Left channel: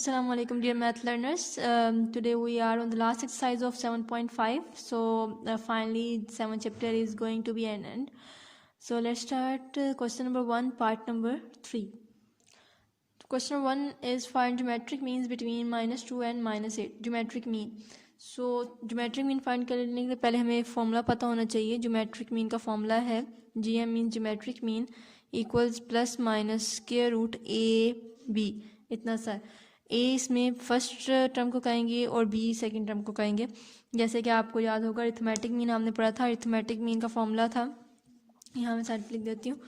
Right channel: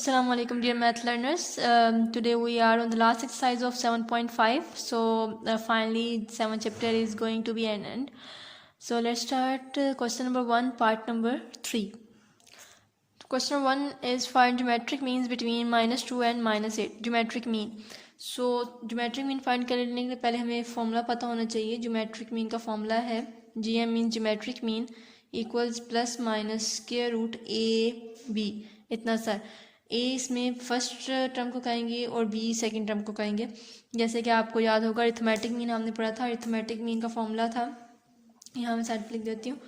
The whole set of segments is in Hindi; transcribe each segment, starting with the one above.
Assalamu alaikum dear math learners. Today we are on the last exercise of 7.5. So finally 7 chapter is going to be an end. So let's start question number 1 part number 3. Question number 1 is find geometric means between -2 and -8. Geometric mean. So geometric mean find करने के पहले हमें फॉर्मूला पता होना चाहिए. geometric mean का फॉर्मूला है GM means geometric mean equals plus minus square root AB. इतना सा ए इसमें फर्स्ट टर्म को कहेंगे और बी सेकंड टर्म को कहेंगे. जैसे कि आपको याद होगा अरिथमेटिक मीन हमने पढ़ा था. अरिथमेटिक मीन का फॉर्मूला था, यहाँ मैं साइड लिख देती हूँ.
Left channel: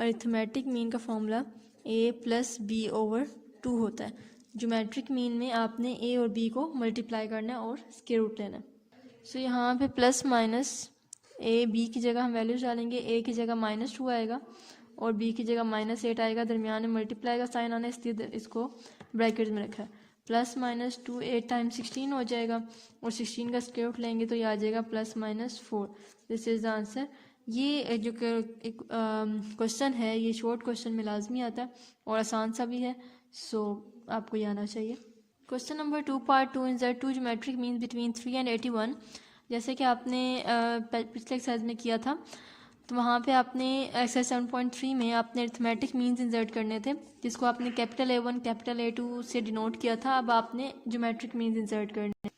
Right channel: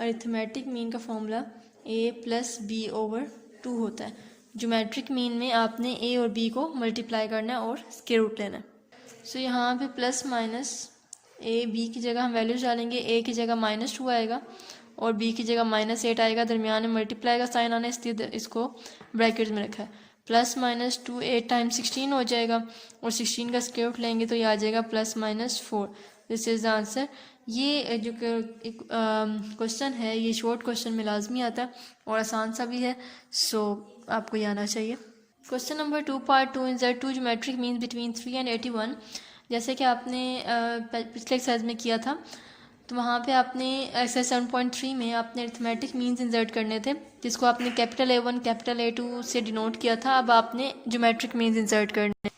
अरिथमेटिक मीन का फॉर्मूला ए प्लस बी ओवर 2 होता है. ज्योमेट्रिक मीन में आपने ए और बी को मल्टीप्लाई करना है और स्क्वायर रूट लेना है. सो यहाँ पे प्लस माइनस ए बी की जगह हम वैल्यूज डालेंगे. ए की जगह -2 आएगा और बी की जगह -8 आएगा. दरमियान में मल्टीप्लाई का साइन आना, इसलिए इसको ब्रैकेट में रखा है. प्लस -2 8 टाइम्स 16 हो जाएगा और 16 का स्क्वायर रूट लेंगे तो ये आ जाएगा +-4. This is the answer. ये जो क्वेश्चन है ये शॉर्ट क्वेश्चन में लाजमी आता है और आसान सा भी है. सो आपको ये आना चाहिए. Question number 2 part 2 insert 2 geometric means between 3 and 81. जैसे कि आपने पिछले एक्सरसाइज में किया था, तो वहाँ पे आपने एक्सरसाइज 7.3 में आपने अरिथमेटिक मीन्स इंसर्ट करने थे, जिसको आपने कैपिटल A1 कैपिटल A2 से डिनोट किया था. अब आपने ज्योमेट्रिक मीन्स इंसर्ट करने.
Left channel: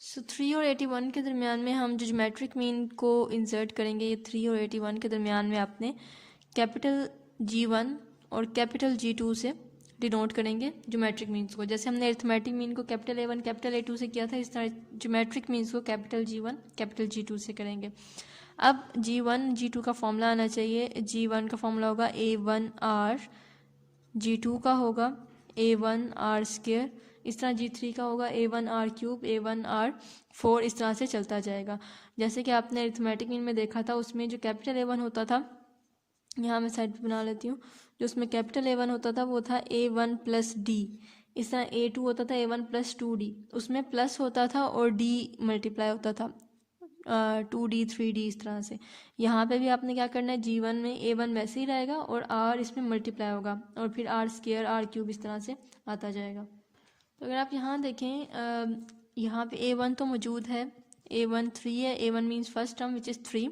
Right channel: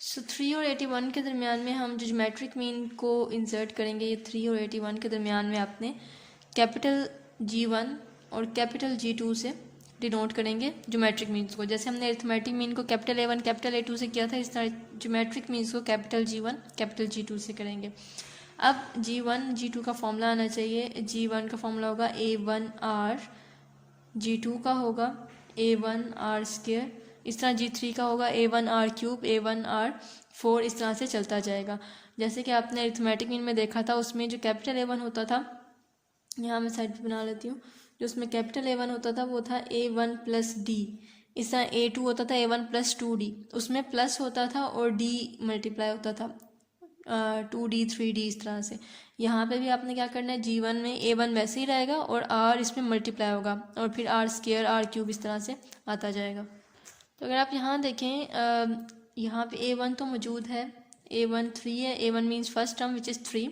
सो 3 और 81 के दरमियान में हम जो ज्योमेट्रिक मीन को इंसर्ट करेंगे, ये 3 और 81 के दरमियान में आपने कैपिटल G1 और कैपिटल G2 से डिनोट करेंगे ज्योमेट्रिक मीन्स को. जैसे हमने अरिथमेटिक मीन को कैपिटल A1 कैपिटल A2 से किया था, इस तरह ज्योमेट्रिक मीन्स को कैपिटल G1 कैपिटल G2 से करेंगे. अब G1 G2 का फॉर्मूला आना चाहिए. G1 का फॉर्मूला होगा A1R, G2 का होगा A1R स्क्वायर, इस तरह G3 का होगा A1R क्यूब, A1R 4, इस तरह से चलता जाएगा. जैसे कि आपने अरिथमेटिक मीन में देखा था, उसमें जो कैपिटल A1 होता था, यहाँ मैं साइड पे बना लेती हूँ, जो उसमें कैपिटल A1 होता था वो था A1 प्लस D. इस तरह A2 होता था A1 प्लस 2D, उसमें प्लस होता था और D मल्टीप्लाई होता था 2D 3D इस तरह से. यहाँ पे भी आपने क्या करना है, G1 में A1 वैसे ही रहेगा और R इसमें मल्टीप्लाई होगा और फिर R स्क्वायर R क्यूब इस तरह से आता जाएगा. तो अगर आप यहाँ देखें, यहाँ पे A1 तो मौजूद है, A1 3 है. A1 means first term which is 3.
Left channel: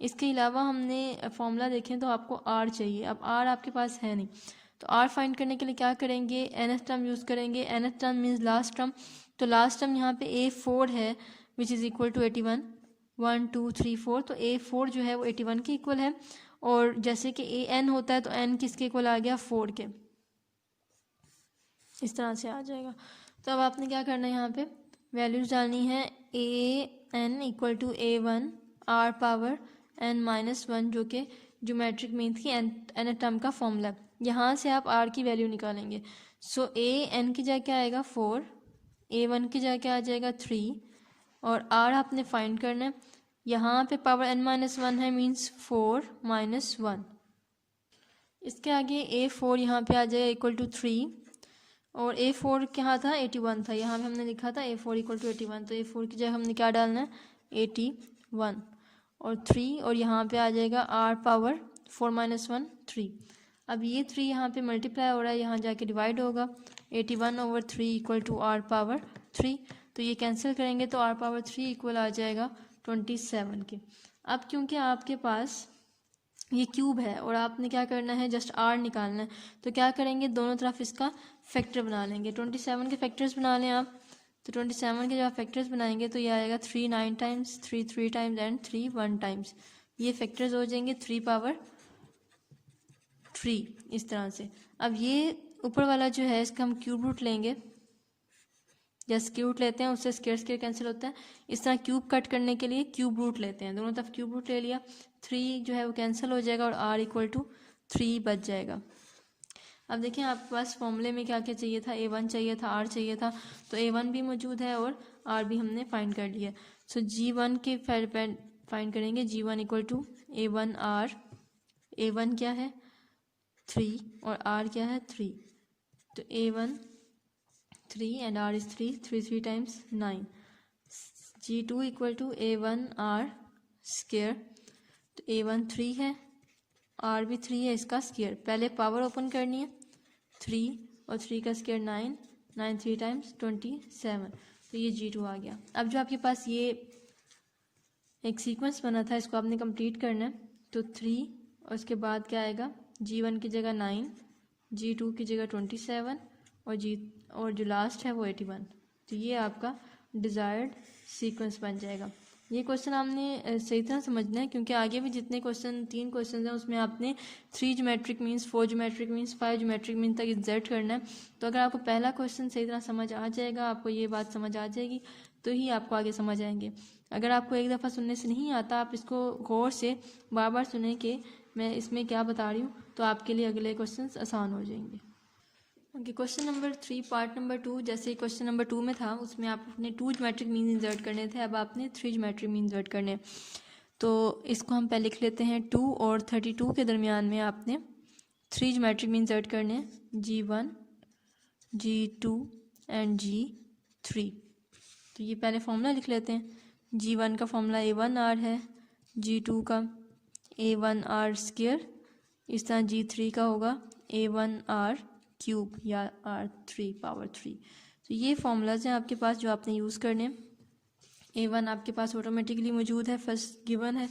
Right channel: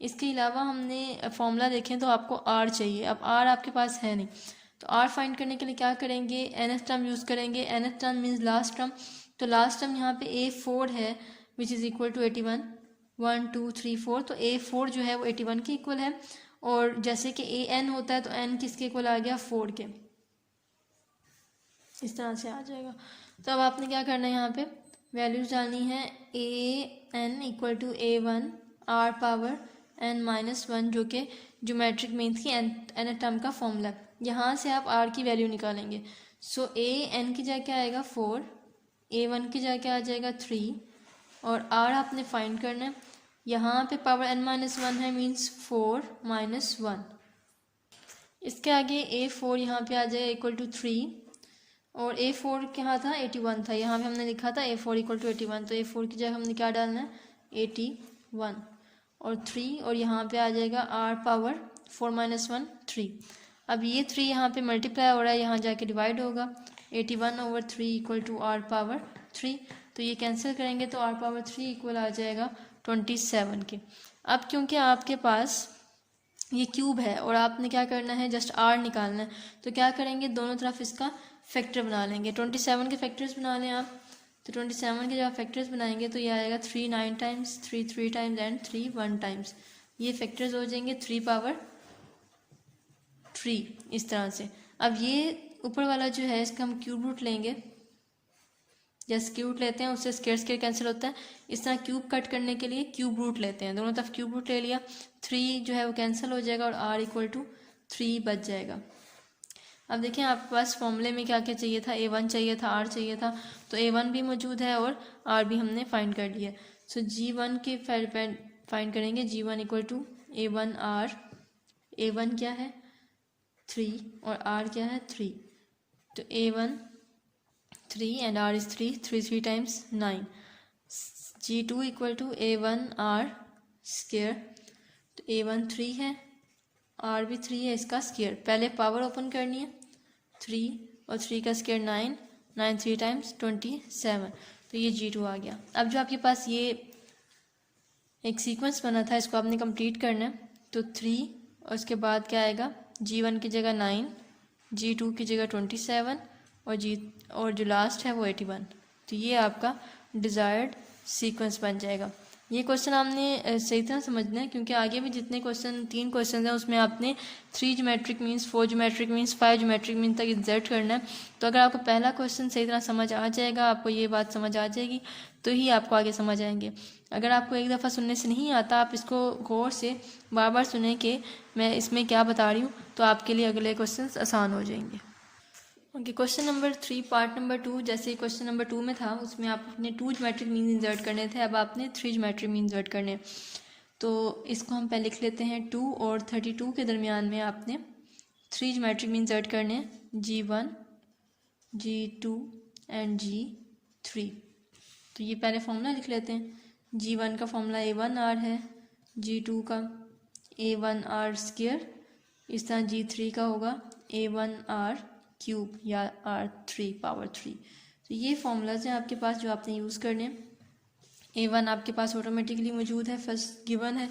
इसके अलावा हमने फॉर्मूला देखें तो आपको R चाहिए. अब R आपके पास है नहीं, तो R फाइंड करने के लिए क्या करेंगे, nth टर्म यूज़ करेंगे. nth term means last term. तो लास्ट टर्म यहाँ पे A4 है विच इज़ इक्वल टू 81. 1 2 3 4, तो A4 जो है वो 81 के इक्वल है. और जैसे कि AN होता है तो N किसके इक्वल आ गया, 4 के. इस तरह से आ जाएगा. तो अब आपने क्या करना है, यहाँ पे वैल्यूज डालनी है. AN equal to A1 R power N-1, जो कि ज्योमेट्रिक मीन्स की n टर्म का फॉर्मूला. यहाँ से आप R की वैल्यू निकालेंगे. सो AN की जगह क्या आएगा 4, A1 की जगह क्या आ जाएगा 3 और R आपने फाइंड करना है. यहाँ पे पावर N-1 है मीन्स 4 - 1. इसके आगे A4 यहाँ पे आ जाएगा इक्वल टू 3 और A4 क्या था, 81 था. यहाँ पे हमने लिखा था A4 इक्वल टू 81, तो A4 की जगह हमने क्या डालना है, 81 और 3 और यहाँ पे आ जाएगा R पावर 4 - 1 3. अब ये 3 यहाँ पे मल्टीप्लाई हो रहा है, यहाँ जाके डिवाइड होगा. 81 over 3 equal to R power 3. तो ये कैंसिल करेंगे तो R पावर 3 इक्वल आ जाएगा 27 के. अब क्योंकि आपके पास ये क्यूब है और आपने क्या करना है, जस्ट R निकालना है, तो क्या करेंगे, दोनों तरफ इसका फैक्टर बना लेंगे. 27 के फैक्टर्स बना लें आप. तो 27 के जब फैक्टर्स बनाएंगे तो ये आएगा 3 9 टाइम्स, 3 3 टाइम्स एंड 3 1 टाइम्स. ये फैक्टर्स हो जाएंगे 3 पावर 3 इस तरह से. अब ये ऊपर वाला जो है इसका हम क्यूब रूट लेंगे. जैसे क्यूब रूट लेते हैं उससे स्क्वायर स्क्वायर कैंसिल होता है. इस तरह क्यूब कट करने के लिए क्यूब रूट लेते हैं, दोनों तरफ क्यूब रूट ले लिया. 3 जो है वो कैंसिल हो जाएगा और R इक्वल टू 3 बच जाएगा. अब देखें आपके पास फॉर्मूले में क्या क्या चाहिए था, A1 चाहिए था, R चाहिए था. तो A1 भी मौजूद है और R भी हमने फाइंड कर लिया. सो G1 के फाइंड करेंगे. G1 equal to A1R. A1 क्या है 3 और R क्या है 3. तो A1 3 and R is 3, 3 times 9. G2 equal to A1R square. तो A1 3 है, R भी 3 है, इसका स्क्वायर. पहले पावर ओपन करनी है, 3 और 3 का स्क्वायर 9 9 3 टाइम्स 27, तो ये G2 आ गया। अब जो आपके पास ये एक सीक्वेंस बना था, इसको आपने कंप्लीट करना है। तो 3 और उसके बाद क्या आएगा, G1 की जगह 9, G2 की जगह 27 और जो लास्ट है वो 81। तो ये आपका डिज़ायर्ड सीक्वेंस बन जाएगा। ये क्वेश्चन आपने सही तरह समझना है, क्योंकि आगे भी जितने क्वेश्चन 3 क्वेश्चन हैं उसमें आपने 3 geometric means, 4 geometric means, 5 geometric means तक इंसर्ट करना है। तो अगर आपको पहला क्वेश्चन सही तरह समझ आ जाएगा, आपको ये बात समझ आ जाएगी, तो ही आपको आगे समझ आएंगे। अगर आपको एक दफ़ा सुनने से नहीं आता, आप इसको गौर से बार बार सुने कि मैं इसमें क्या बता रही हूँ, तो आपके लिए अगले क्वेश्चन आसान हो जाएंगे। Okay, question number 3 part number 2, जैसे क्वेश्चन नंबर 2 में था, उसमें आप अपने 2 ज्योमेट्रिक मीन इंसर्ट करने थे, अब आपने 3 ज्योमेट्रिक मीन इंसर्ट करने। तो इसको हम पहले लिख लेते हैं। 2 और 32 के दरमियान में आपने 3 ज्योमेट्रिक मीन इंसर्ट करने, G1, G2 एंड G3। तो ये पहले फॉर्मूला लिख लेते हैं। G1 का फॉर्मूला A1R है, G2 का A1R स्क्वायर, इस तरह G3 का होगा A1R क्यूब या R3 पावर 3। तो ये फॉर्मूलाज हैं आपके पास जो आपने यूज़ करने। A1 आपके पास ऑटोमेटिकली मौजूद है, फर्स्ट गिवन है।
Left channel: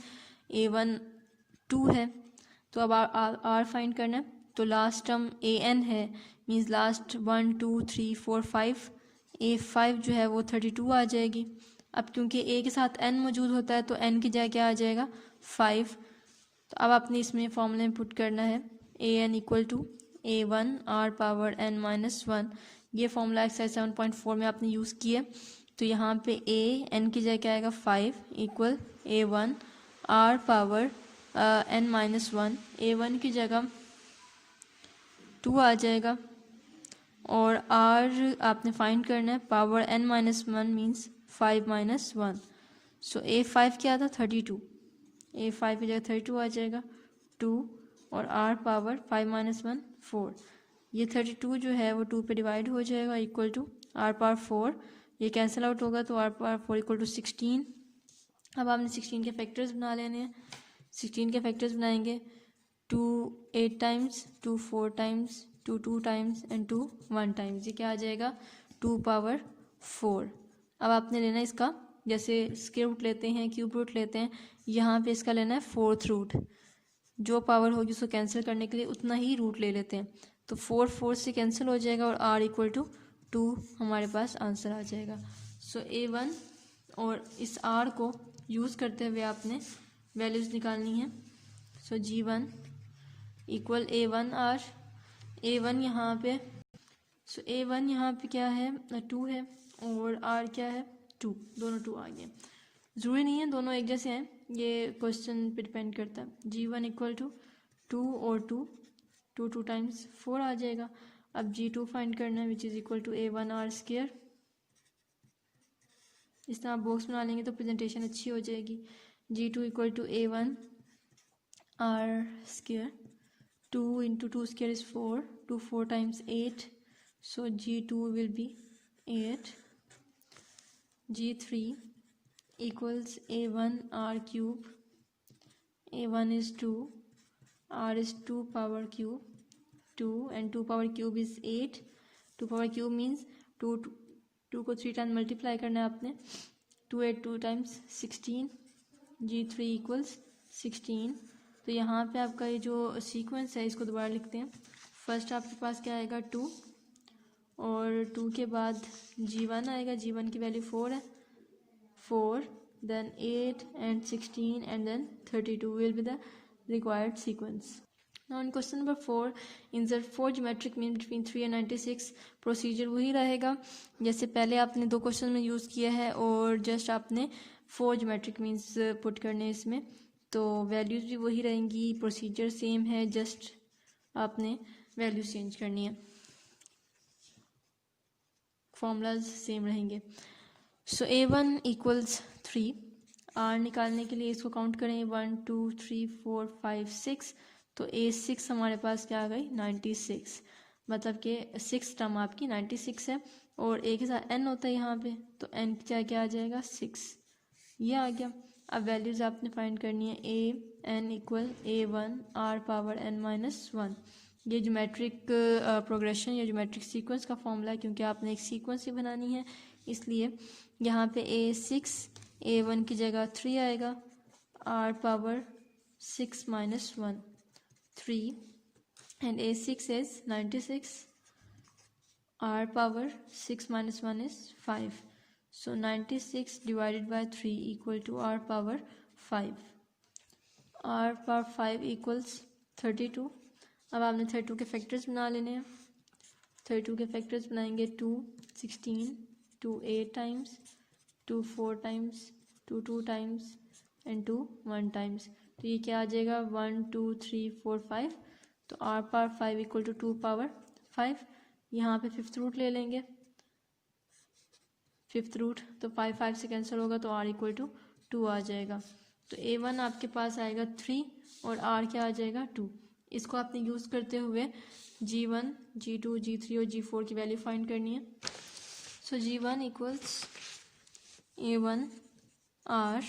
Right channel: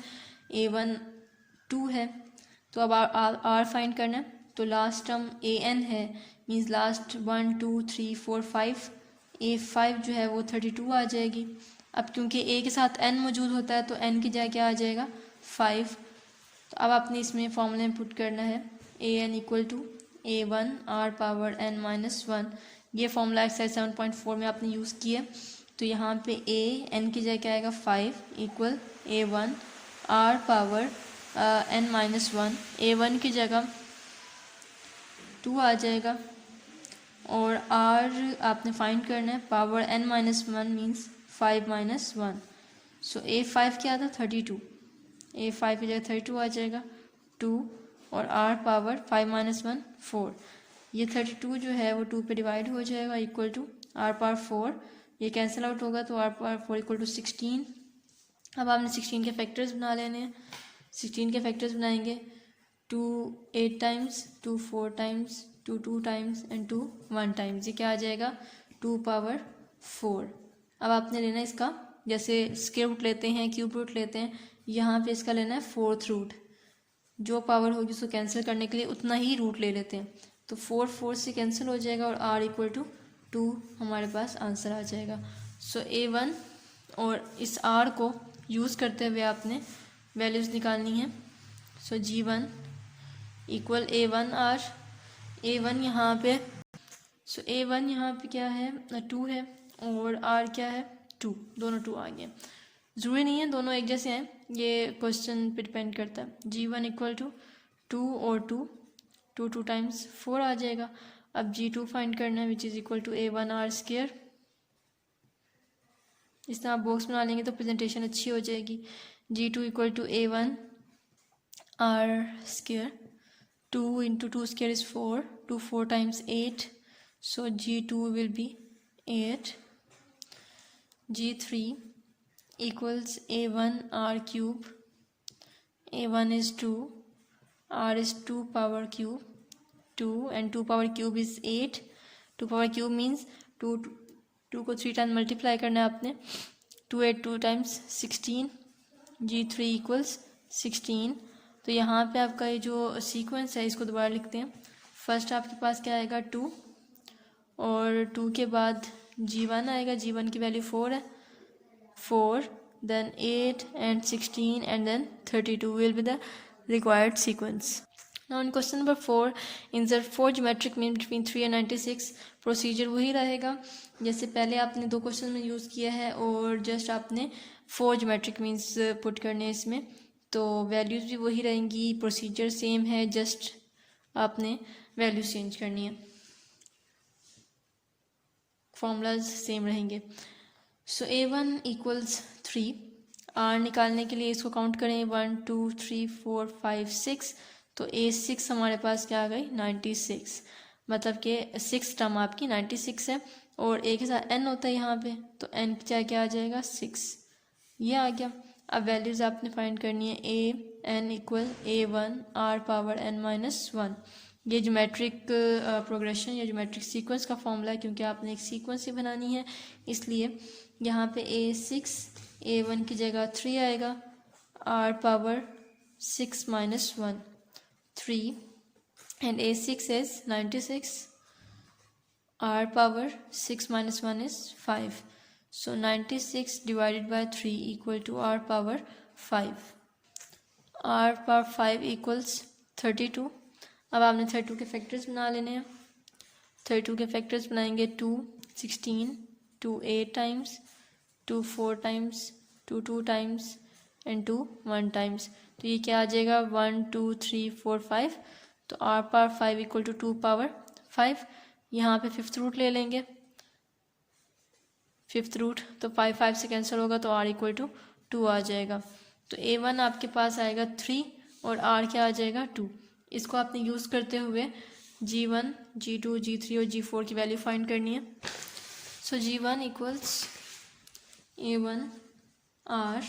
A1 2 है, तो अब R फाइंड करना है। तो लास्ट टर्म AN है, मीन्स लास्ट 1 2 3 4 5, A5 जो है वो 32 आ जाएगी। अब क्योंकि A के साथ N मौजूद होता है, तो N की जगह क्या आ जाएगा, 5। तो अब आपने इसमें फॉर्मूला में पुट करना है, AN equal to A1 R power N-1। ये फॉर्मूला एक्सरसाइज 7.4 में आपने यूज़ किया। तो यहाँ पे N की जगह क्या आएगा, 5 equal A1 R power N-1। A1 की जगह 2 आ जाएगा और R आपने फाइंड करना है, पावर N-1 मीन्स 5 - 1। सो A5 क्या था, 32। A5 की जगह 32 आ जाएगा, 2 और R पावर 5 - 1 4। ये 32 जो है वो 2 पे डिवाइड हो जाएगा, इक्वल टू R पावर 4। ये कैंसिल आउट होगा, तो R पावर 4 इक्वल टू 16। अब आपने 16 के फैक्टर्स बना लेने हैं। 16 के फैक्टर्स बनाएंगे, 2 8 times, 2 4 times, 2 2 times and 2 1 times. ये क्या आ जाएगा, 2 पावर 4। अब आपने लेना है इसका, जैसे स्क्वायर रूट लेते हैं, क्यूब रूट लेते हैं, यहाँ पे इसका लेना है 4th रूट। जो पावर होगी उसको कैंसिल करने के लिए उतना ही रूट ले लेते हैं। तो 4 4 से कैंसिल हो जाएगा और R इक्वल टू 2 हमारे पास आंसर आ जाएगा। सो A1 और इस R को यूज़ करते हुए आपने वैल्यूज़ निकालनी है। सो G1 इक्वल A1R। A1 यहाँ पे, सो A1 यहाँ पे क्या है, 2 है और R क्या है, 2। दोनों 2 आ गए। ज़रूरी नहीं है दोनों एक जैसे हैं, ये क्वेश्चन पे डिपेंड करता है। G1 इक्वल टू 2 और 2, 2 2 टाइम्स 4 आ जाएगा। अब G2 फाइंड करना है, which is equal to A1R square. इस तरह आप बॉक्स बना लेंगे तो प्रेजेंटेशन अच्छी हो जाएगी। G2 equal to A1R square, 2 × 2 square is 4, 2 4 times 8, so G2 will be 8. G3 equals A1 R cube. A1 is 2, R is 2 power cube, 2 and 2 power cube is 8. 2 power cube means 2 को 3 टाइम मल्टीप्लाई करना है आपने। 2 8 2 टाइम्स 16। G3 equals 16। तो यहाँ पे आपका ये जो सीक्वेंस है इसको दोबारा लिखते हैं। फर्स्ट आपके पास क्या आएगा, 2 और 2 के बाद G1 आएगा। G1 की वैल्यू 4 है, 4 then 8 and 16 and then 32 will be the required sequence. Now in question number 4, insert 4 geometric mean between 3 and 96. Procedure वही रहेगा जैसे पहले आपने 2 क्वेश्चन में यूज़ किया है, और जस्ट आपने 4 geometric मीन्स पुट करने हैं इसमें, तो वैल्यूज़ भी वही रहेंगी, प्रोसीजर सेम है, जस्ट आपने वैल्यूज चेंज करनी है, फॉर्मूलाज सेम रहेंगे। सो A1 इक्वल्स 3। R निकालने के लिए इसको काउंट करें, 1 2 3 4 5 6। तो A6 हमारे पास क्या आ गई, 96। मतलब कि 6 टर्म आपकी 96 है, और A के साथ N होता है यहाँ पे, तो N की जगह क्या आ जाएगा, 6। ये आ गया। अब वैल्यूज़ आपने फाइंड करनी है। A N equal A1 R power N - 1। ये ज्योमेट्रिक प्रोग्रेशन या ज्योमेट्रिक सीक्वेंस का फॉर्मूला है, क्योंकि आपने एक सीक्वेंस ही बनानी है, इसलिए यहाँ पे A6 A1 की जगह 3 आएगा, r power 6 minus 1 3 and A6 is 96, r power 6 minus 1 is 5. So 96 divided by 3 equal to r power 5. r power 5 equals 32. अब आपने 32 के फैक्टर्स बना लेने हैं। 32 के फैक्टर्स बनाएंगे 2 16, 2 8 times, 2 4 times, 2 2 times and 2 1 times. तो ये क्या आ जाएगा 1 2 3 4 5। तो r power 5 equal to 2 power 5। यहाँ पे फिफ्थ रूट ले लेंगे, फिफ्थ रूट तो 5 5 से कैंसिल होगा तो r इक्वल टू 2 आ जाएगा। तो A1 आपके पास आएगा 3 और r क्या आ जाएगा 2। इसको आपने यूज़ करते हुए G1 G2 G3 और G4 की वैल्यू फाइंड करनी है। सो G1 equals A1 r,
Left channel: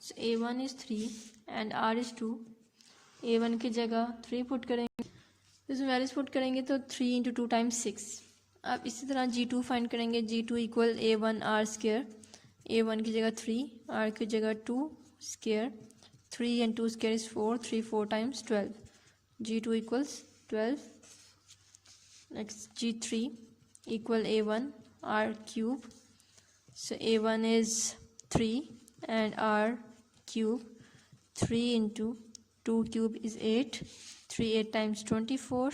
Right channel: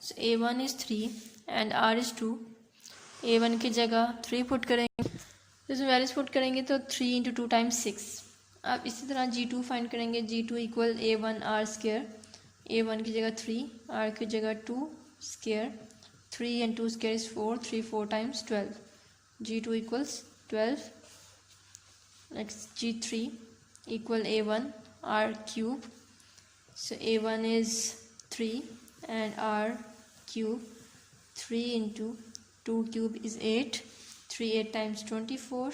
so A1 is 3 and r is 2। A1 की जगह 3 पुट करेंगे, इसमें वैल्यूज पुट करेंगे तो 3 इंटू 2 टाइम्स 6। अब इसी तरह G2 फाइंड करेंगे, G2 equal A1 r square, A1 की जगह 3, r की जगह 2 square, 3 and 2 square is 4, 3 4 times 12, G2 equals 12। Next G3 equal A1 r cube, so A1 is 3 and r cube, 3 into 2 cube is 8, 3 8 times 24,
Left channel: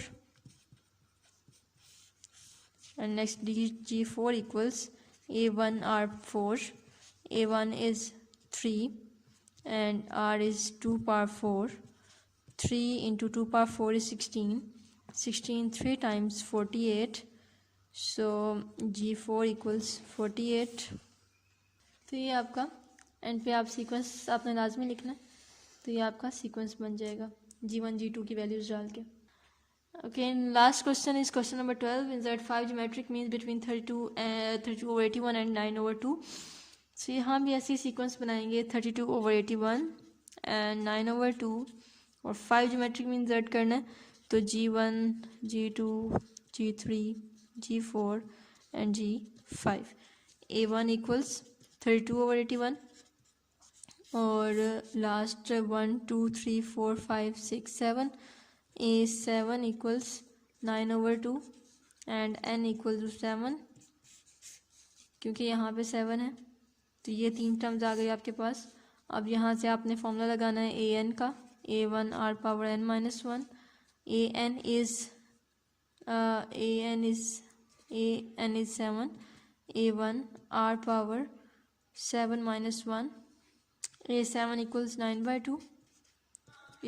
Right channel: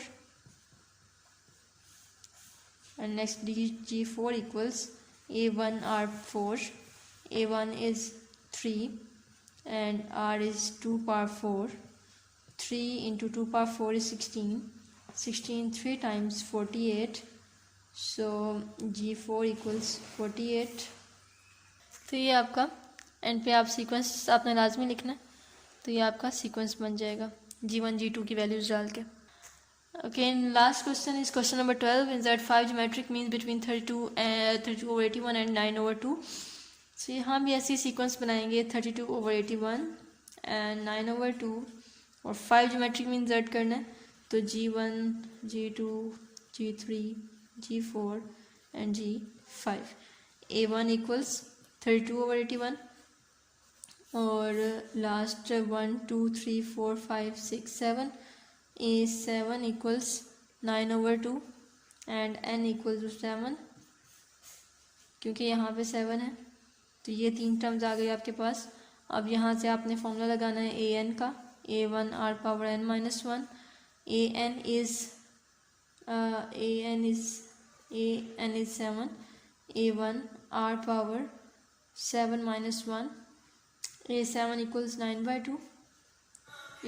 and next G4 equals A1 R4, A1 is 3 and R is 2 power 4, 3 into 2 power 4 is 16, 16 3 times 48, so G4 equals 48। तो ये आपका एंड पे आप सीक्वेंस आपने लाजमी लिखना है, तो ये आपका सीक्वेंस बन जाएगा G1 G2 की वैल्यूज डाल के। Okay, last question is question number 12 is that 5 geometric means between 32/81 and 9/2। सो यहाँ भी ऐसी सीक्वेंस बनाएंगे 32/81 एंड 9/2 और 5 ज्योमेट्रिक मीन्स ऐड करना है, तो G1 G2 G3 G4 and G5। A1 equals 32/81 और last 1 2 3 4 5 6 7, A7 equals 9/2 and n equal to 7, क्योंकि यहाँ पे 7 है तो ये 3 टर्म्स आ गई आपके पास। अब यहाँ से आपने फॉर्मूला लगाना है an का, A1 r power n minus 1, an is 7, A1 r power 7 minus 1, A7 equals 9/2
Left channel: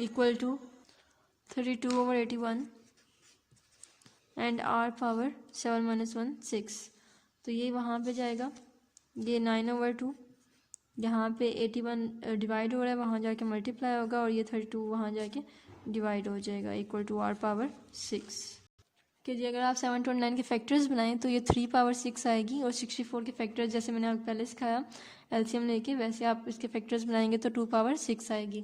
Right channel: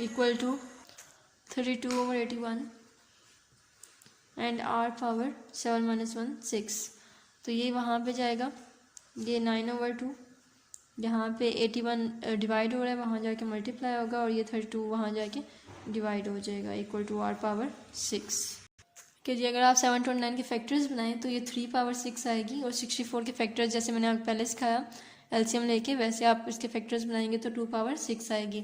equal to 32/81 and r power 7 minus 1 6। तो ये वहाँ पे जाएगा, ये 9/2, यहाँ पे 81 डिवाइड हो रहा है, वहाँ जाके मल्टीप्लाई होगा और ये 32 वहाँ जाके डिवाइड हो जाएगा इक्वल टू r पावर 6। कि जी अगर आप 7 to 9 के फैक्टर्स बनाएं तो ये 3 पावर 6 आएगी और 64 के फैक्टर्स जैसे मैंने आपको पहले सिखाया एलसीएम लेके, वैसे आप इसके फैक्टर्स बनाएंगे तो 2 पावर 6 आएगी।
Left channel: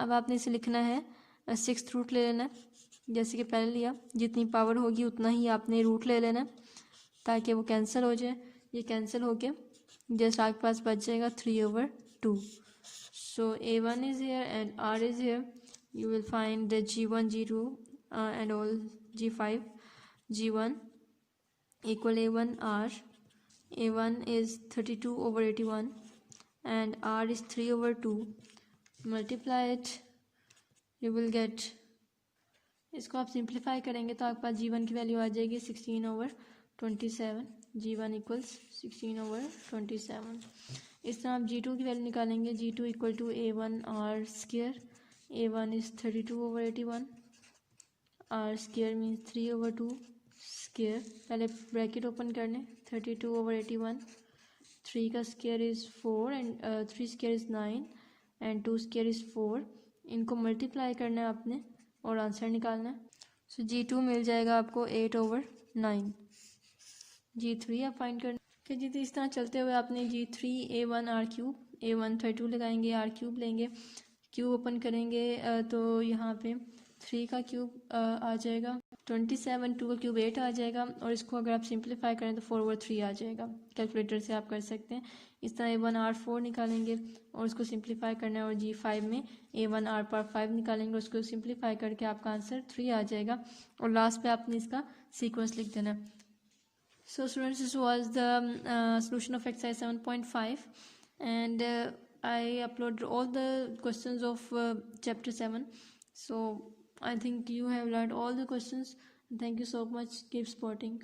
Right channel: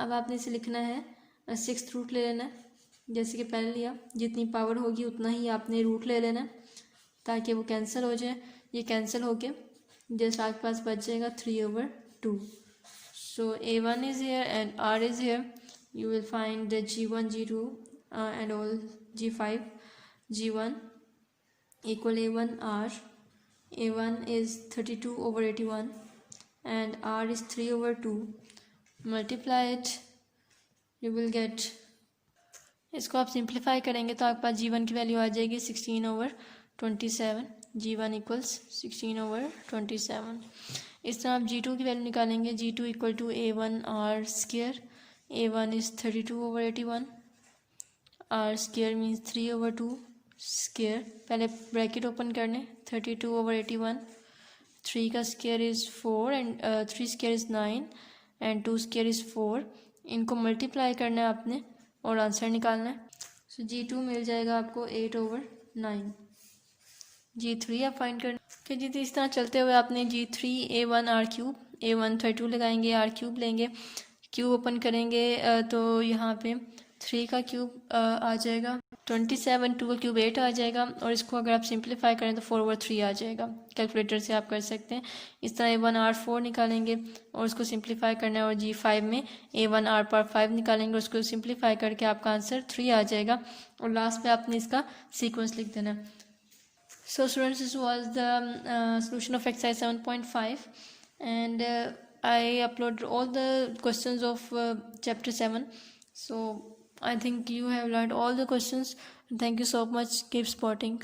अब आपने इसे लिखना है 6th रूट ले लेना है, जैसे कि पहले लिया, जितनी पावर होगी उतना ही आपने रूट ले लेना ताकि वो कैंसिल हो जाए। ये कैंसिल हो गया, जैसे आपके पास बच जाएगा 3/2। सो A1 is here and R is here, you will find the G1 G2 and all G5। G1 equal A1 R, A1 is 32/81 and R is 3/2, multiply it, you will get, इसको आप सिंप्लीफाई करेंगे तो आपके पास G1 की वैल्यू आ जाएगी 16/27, G1 equals 16/27। इस तरह आप G2 की वैल्यू निकालेंगे, G2 equal to A1 R square, A1 is 32/81, R square means 3/2 square, पहले ब्रैकेट ओपन करने, 32/81, 3 का square is 4 and 3 square is 9 and 2 square is 4, इनको मल्टीप्लाई करना है आपने और आंसर निकालना है। सो G2 मिल जाएगा आपको 8/9। G3 आप फाइंड करना, तो जी इस तरह चलते हुए आपने G3 A1 R cube, A1 32 लगाएंगे, R क्यूब लेंगे, क्यूब ओपन करेंगे तो यहाँ पे 3 का क्यूब आ जाएगा 27, 2 का क्यूब 8 आ जाएगा, और इसको अगर आप सिंप्लीफाई करें तो 4/3 आ जाएगा। कैलकुलेटर से आप कर सकते हैं। इस तरह A1R4 निकालेंगे और उसको सिंप्लीफाई करना है, और G5 में A1R5 निकालेंगे, उसको सिंप्लीफाई करके आपका आंसर 3 आ जाएगा, और लास्ट में आपने इसका सीक्वेंस लिख देना है। So students, this was the solution of exercise 7.5, and I uploaded all the questions of chapter 7. So I think you have learned all the questions. Thank you so much. Keep supporting.